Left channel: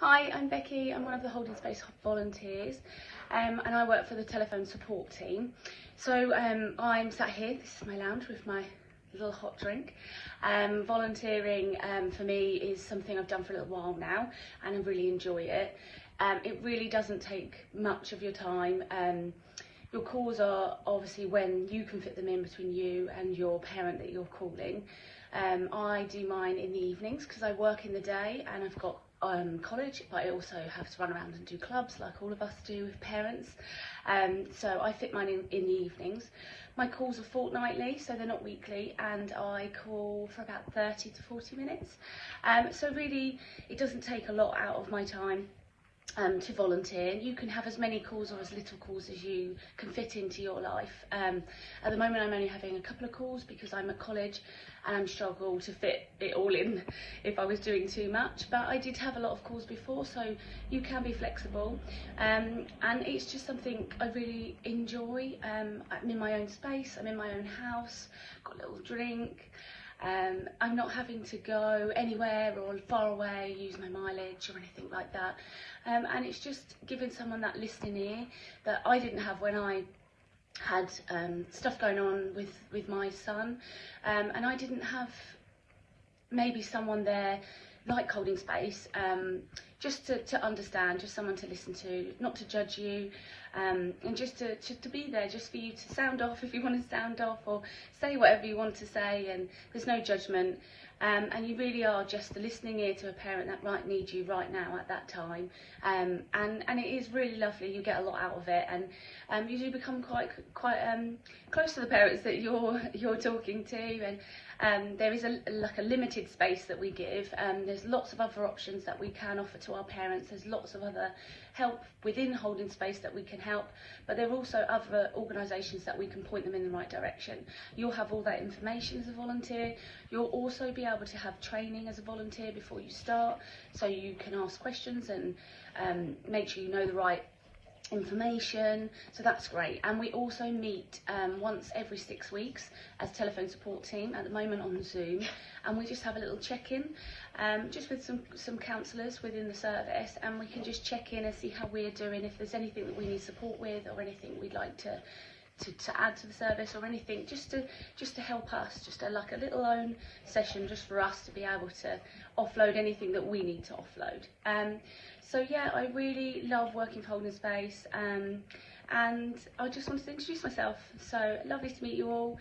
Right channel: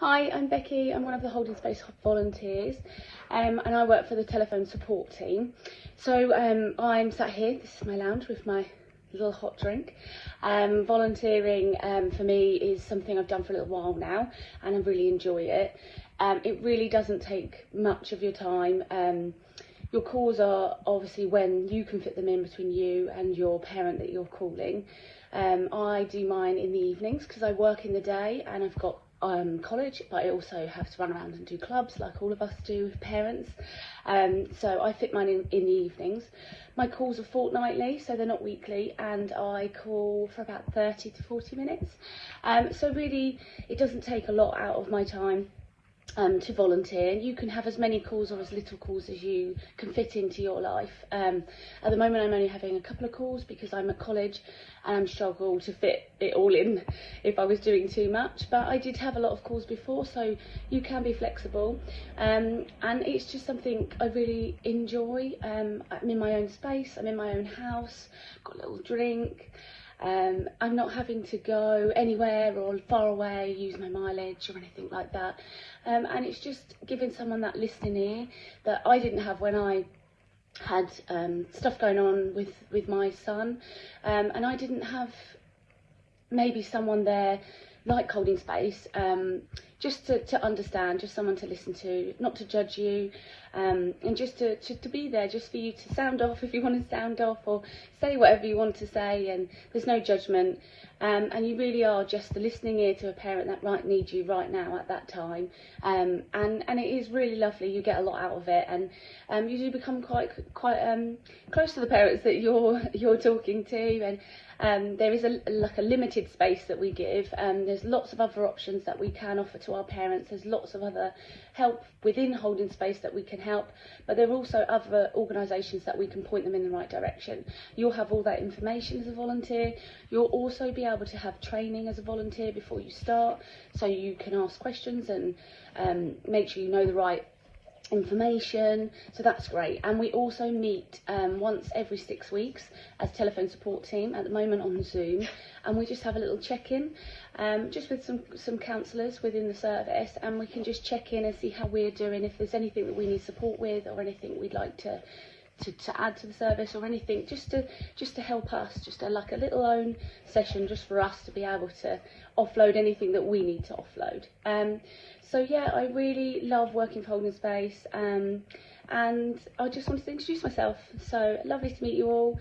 Hi, I'm Becky. I'm one of the Holding Space volunteers, and I work for the telephone support team. So I'm sat here, this is my lounge with my little hot drink. Volunteering for me is something I've done for a little while now, and I really enjoy it. It really doesn't take much of your time. Your calls are obviously when you can fit them in between you and your parent that you're calling. I do mine in the evenings because I work in the day and I've got college, but I also have to run around and do clubs like all of us do with parents. So I fit mine in the evenings. My calls are fortnightly, so they're not weekly, and I call for about 30 to 40 minutes. So really, it doesn't take a lot out of my time to volunteer. You can have as many calls or as little calls as you can fit into your life. At the moment I'm only having a couple of calls because I'm at college and I struggle to fit it all in if I was doing too much, but I did have a lot of calls before, so you can be flexible, and it's just something I really enjoy. I'm in my own space, I'm in my own house, got a little drink. I'm not having to go anywhere or far away, use my mileage or anything like that. And it's just giving someone that listening ear that I didn't have when I had stuff going on with my son. And I didn't have maybe someone there like Holding Space, just to understand, just someone to listen to, not to judge you, and just to be there, just for you to sound off if you want to sound off, or say whatever you want to say, and there's no judgment, and you really are just the listening ear to a parent that might need you right now at that time, and it is really lovely. You get a lot out of it, and you do become quite close to the parents that you're talking to, and there is a limited space that we give. There's lots of other options that we can offer to our parents. There's lots of other help within Holding Space that we can help, but there are also other organisations that we can point them in the right direction. You'll have all that information as a volunteer. You'll also be able to have training as a volunteer before you start, so you can ask questions and make sure you know the right information, so that's great. And we also meet once every 6 weeks as telephone support team, at the moment on Zoom, and we just have a little check-in just with some counsellors within the service, and we can just check in and see how we're doing, if there's anything that we need support with or anything we'd like to add to the service, or anything just to help us, just like a little own session just for us to be able to offload anything that we need to offload. So yeah, I really love working for Holding Space, and I just wanted to introduce myself. So lovely to meet you all.